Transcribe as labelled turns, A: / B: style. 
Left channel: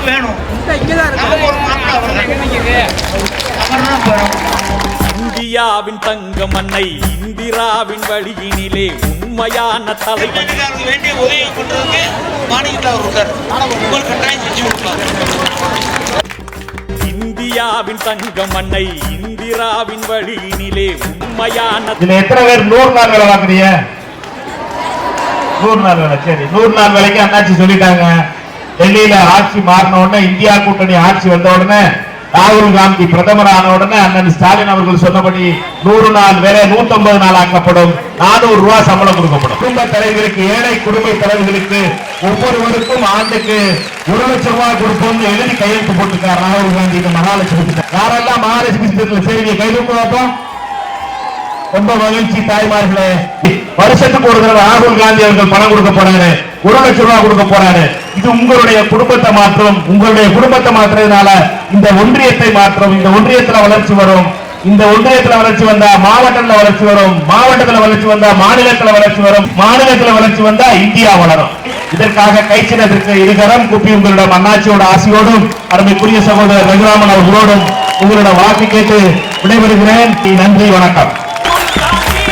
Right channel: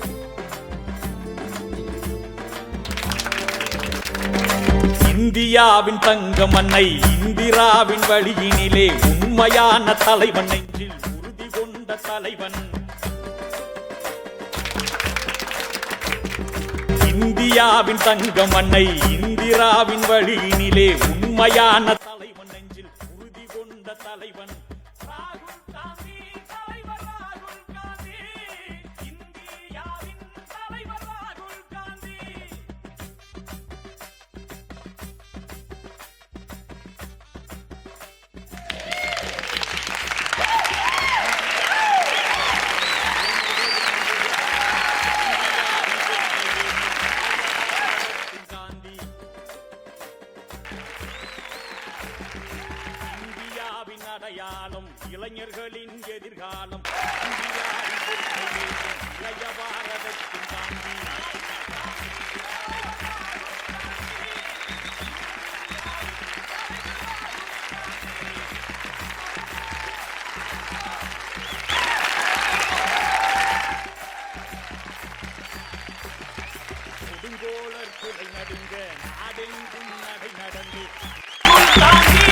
A: நமக்கு வேணும். இந்தியாவின் தங்க மண்ணை இந்திராவின் வழியினிலே உண்மையான தலைவன்.
B: வேண்டிய உதவி கொண்டதுக்கு
A: இந்தியாவின் தங்க மண்ணை இந்திராவின் வழியினிலே உண்மையான
C: இதுல எத்தனை பேர் நூறு நாள் வேலை பார்க்குறீங்க? நூறு நாள் வேலை சரி. நூறு நாள் வேலைக்கு அண்ணாச்சி சொல்லிட்டாங்க. டெல்லியில ஆட்சி மாறின உடனே இந்தியா கூட்டணி ஆட்சி வந்த உடனே ராகுல் காந்தி பிரதமர் ஆன உடனே அண்ணன் ஸ்டாலின் அவர்கள் சொன்னபடி நூறு நாள் வேலை 150 நாள் ஆக்கப்படும். நானூறு ரூபாய் சம்பளம் கொடுக்கப்படும். குடும்ப தலைவர்களுக்கு ஏழை குடும்ப தலைவர்களுக்கு ஒவ்வொருவருக்கும் ஆண்டுக்கு ஒரு லட்சம் ரூபாய் கொடுப்போம்னு எழுதி கையெழுத்து போட்டுக்கார் ராகுல் காந்தி. மகாலட்சுமி யாரெல்லாம் மகாலட்சுமி செய்தியை கைது பார்ப்போம் ரொம்ப மகிழ்ச்சி தாய்மார்களே. வருஷத்துக்கு ஒரு தடவை ராகுல் காந்தி அவர்கள் பணம் கொடுக்க போறாரு. ஒரு லட்சம் ரூபாய் கொடுக்க போறாரு. இது உங்களுடைய குடும்பத்தை மாற்றும். உங்களுடைய குடும்பத்தை மாற்றுறதுனால இந்த ஒன்றியத்தை மாற்றும். இந்த ஒன்றியத்துல வளர்ச்சி வரும். இந்த ஒன்றியத்துல வளர்ச்சி வந்தா மாவட்டத்துல வளர்ச்சி வரும். மாவட்டத்துல வளர்ச்சி வந்தா மாநிலத்துல வளர்ச்சி வரும். மாநிலத்துல வளர்ச்சி வந்தா இந்தியா வளரும். இதற்காக கைச்சினத்திற்கு இருகரம் குப்பி உங்களிடம் அண்ணாச்சியோட ஆசையோடும் அருமைக்குரிய சகோதரர் ரகுராமன் அவர்களோடும் உங்களோட வாக்கு கேட்டு விடைபெறுகிறேன். நன்றி வணக்கம்.
A: Tá aqui.